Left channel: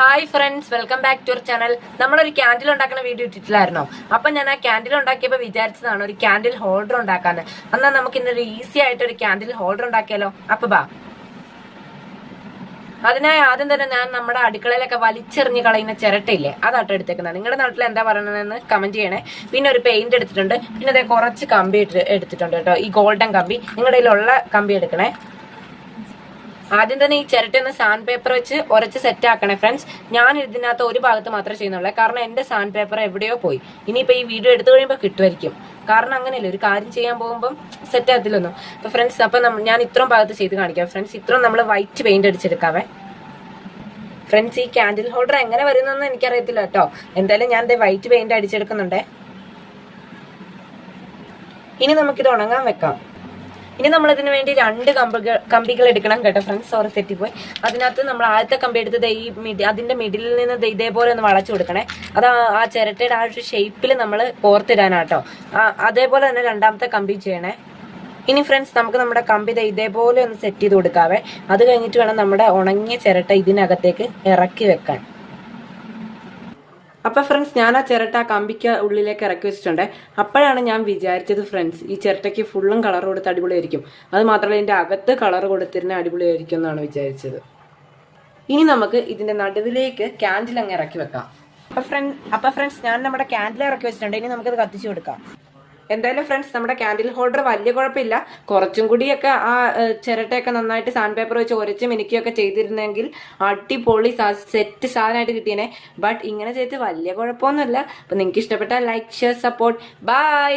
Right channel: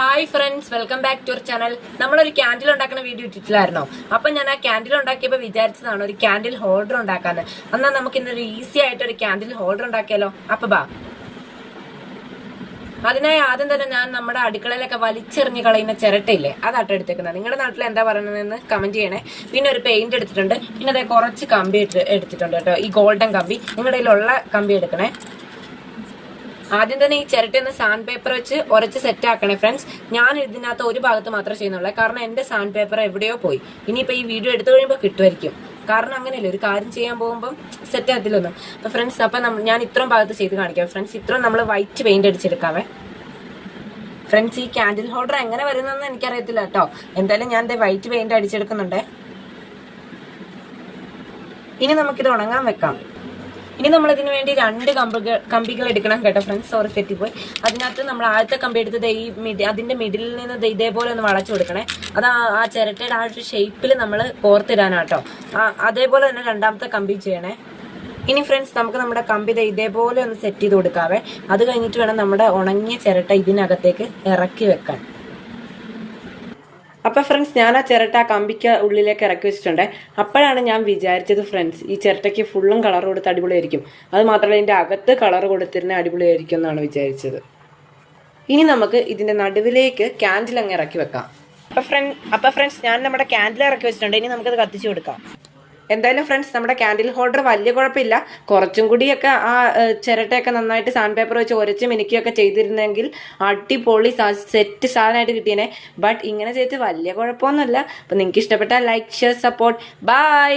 Hi friends, welcome back to our channel. നമ്മളൊരു candle ഉണ്ടാക്കുന്ന video ഇട്ടിട്ടില്ലായിരുന്നോ? അപ്പൊ ഞാൻ ആ ക്യാൻഡിൽ ഉണ്ടാക്കിയപ്പോൾ വിചാരിച്ചതാണ് ഒരു ക്യാൻഡിൽ ഹോൾഡർ ഉണ്ടാക്കാന്ന്. എന്നാൽ നമുക്ക് ഇന്നൊരു ഈസി ആയിട്ട് ഒരു ക്യാൻഡിൽ ഹോൾഡർ ഉണ്ടാക്കിയാലോ? അപ്പൊ ബാ. അതിനായി ആദ്യം തന്നെ ഞാൻ നമ്മുടെ അടുക്കളയിലൊക്കെ വലിച്ചെറിഞ്ഞ് കളയുന്ന ചിരട്ടയില്ലേ, അതാട്ടോ എടുത്തേക്കുന്നത്. നിങ്ങളുടെ നാട്ടിൽ എന്താ പറയണതെന്ന് കമന്റ് ചെയ്യണേ. പിന്നെ ഒരു പെയിന്റ് എടുത്തിട്ടുണ്ട്, പിന്നെ അതേ കുറച്ച് കമ്പി എടുത്തിട്ടുണ്ട് കേട്ടോ. ഈ ഗോൾഡൻ കമ്പി നിങ്ങളുടെ കയ്യിലുള്ള കമ്പി എടുക്കണേ. ആദ്യം തന്നെ ഈ ചിരട്ടയൊന്ന് സാൻഡ് പേപ്പർ വെച്ച് ഉരച്ച് സെറ്റ് ആക്കണേ ഫ്രണ്ട്സ്. ഞാൻ ഇതിനകത്ത് ഒരു ഭാഗത്ത് മാത്രമേ ചെയ്യുന്നുള്ളൂ, കാരണം എന്റെ സാൻഡ് പേപ്പർ എവിടെയോ പോയി. ഇനിയിപ്പോ ഈ വീഡിയോ എടുത്തു കഴിയുമ്പോൾ കിട്ടുമായിരിക്കും, കാരണം അങ്ങനെയല്ലേ ഒരു കാര്യം ചെയ്യാൻ പോകുമ്പോൾ സെറ്റ് ആകത്തില്ലൊന്നും. അപ്പൊ ഫ്രണ്ട്സ്, അപ്പൊ ഞാൻ ഇത്രയും ഭാഗത്ത് ചെയ്ത് കാണിക്കാം ഫ്രണ്ട്സ്. ഇത്രയും നമ്മൾ വൈറ്റ് പെയിന്റ് അടിച്ചെടുക്കാവേ ഫ്രണ്ട്സ്. ഈ ക്യാൻഡിൽ ഹോൾഡർ എങ്ങനെ വരുന്നതെന്ന് എനിക്കറിയത്തില്ല കേട്ടോ. എന്തായാലും ഞാൻ വൈറ്റ് പെയിന്റ് അടിച്ചെടുക്കുന്നുണ്ടേ. ഇനി നമുക്കിത് ഉണങ്ങാൻ വെക്കാം. ഇനി നമ്മൾ ഇതിനു വേണ്ടി 2 കമ്പികൾ എടുക്കണം കേട്ടോ ഫ്രണ്ട്സ്. സോറി, തെറ്റിപ്പോയി. അതിനകത്ത് നമ്മൾ ആദ്യത്തെ കമ്പി എടുത്തത് അതിന്റെ മിഡിലിൽ നിന്ന് ഇതേപോലെ ഒന്ന് വളച്ചു കൊടുക്കണേ. അത് ആ ചിരട്ടയുടെ ആ ഒരു ഷേപ്പിൽ നമ്മൾ കോർത്തിടാനാട്ടോ. അതേപോലെ തന്നെ രണ്ടാമത്തെ കമ്പി ചെയ്യണേ. ഇനി ഫ്രണ്ട്സ്, നമുക്ക് നമ്മുടെ കമ്പി ഇതേപോലെ ഒന്ന് സെറ്റ് ചെയ്ത് കൊടുക്കാവേ. അത് കഴിഞ്ഞിട്ട് വേണം നമ്മുടെ ഉണങ്ങിയ ചിരട്ട ഇതിനകത്തേക്ക് ഇറക്കി വെക്കാൻ. അപ്പൊ ഫ്രണ്ട്സ്, ഞാൻ ആ ചിരട്ട ആ കമ്പിക്ക് ഉള്ളിലേക്ക് ഇറക്കി വെച്ചിട്ടുണ്ട്. അപ്പോഴാണ് ഞാൻ വിചാരിച്ചത് ഫ്രണ്ട്സ്, ഈ ചിരട്ടയ്ക്ക് ഫുള്ളും കളർ കൊടുത്ത് അടിപൊളിയായിരിക്കും. അത് മാത്രമല്ല ഇതിന്റെ അകത്ത് കളർ കൊടുത്തിരുന്ന അടിപൊളിയായിരിക്കും എന്നാണ് വിചാരിച്ചത്. ഇനി നമുക്ക് ഇതിന്റെ നടുവിലേക്ക് ക്യാൻഡിൽ അങ്ങ് ഇറക്കി വെക്കാം. അപ്പൊ ഫ്രണ്ട്സ്, ഞാൻ നമ്മുടെ ക്യാൻഡിൽ ഇറക്കി വെച്ചിട്ടുണ്ട്. ഇനി നമുക്കത് കത്തിച്ചു കൊടുക്കാം. എന്തായാലും ഫ്രണ്ട്സ്, നമ്മുടെ ക്യാൻഡിൽ ഹോൾഡർ വലിയ കുഴപ്പമില്ല. കുറച്ചും കൂടിയൊക്കെ ആ ചിരട്ടയൊക്കെ നന്നായിട്ട് സാൻഡ് പേപ്പർ വെച്ച് ഉരച്ച് മിനുക്കിയൊക്കെ ചെയ്തിരുന്നെങ്കിൽ അടിപൊളി സെറ്റ് സാധനമായിട്ട് കിട്ടിയേനെ. ബട്ട് ഇങ്ങനെ ചെയ്തിട്ട് വലിയ കുഴപ്പമൊന്നുമില്ല. അപ്പൊ നിങ്ങൾക്ക് ഇഷ്ടപ്പെട്ടാൽ ലൈക്ക്, ഷെയർ, സപ്പോർട്ട്. ബൈ.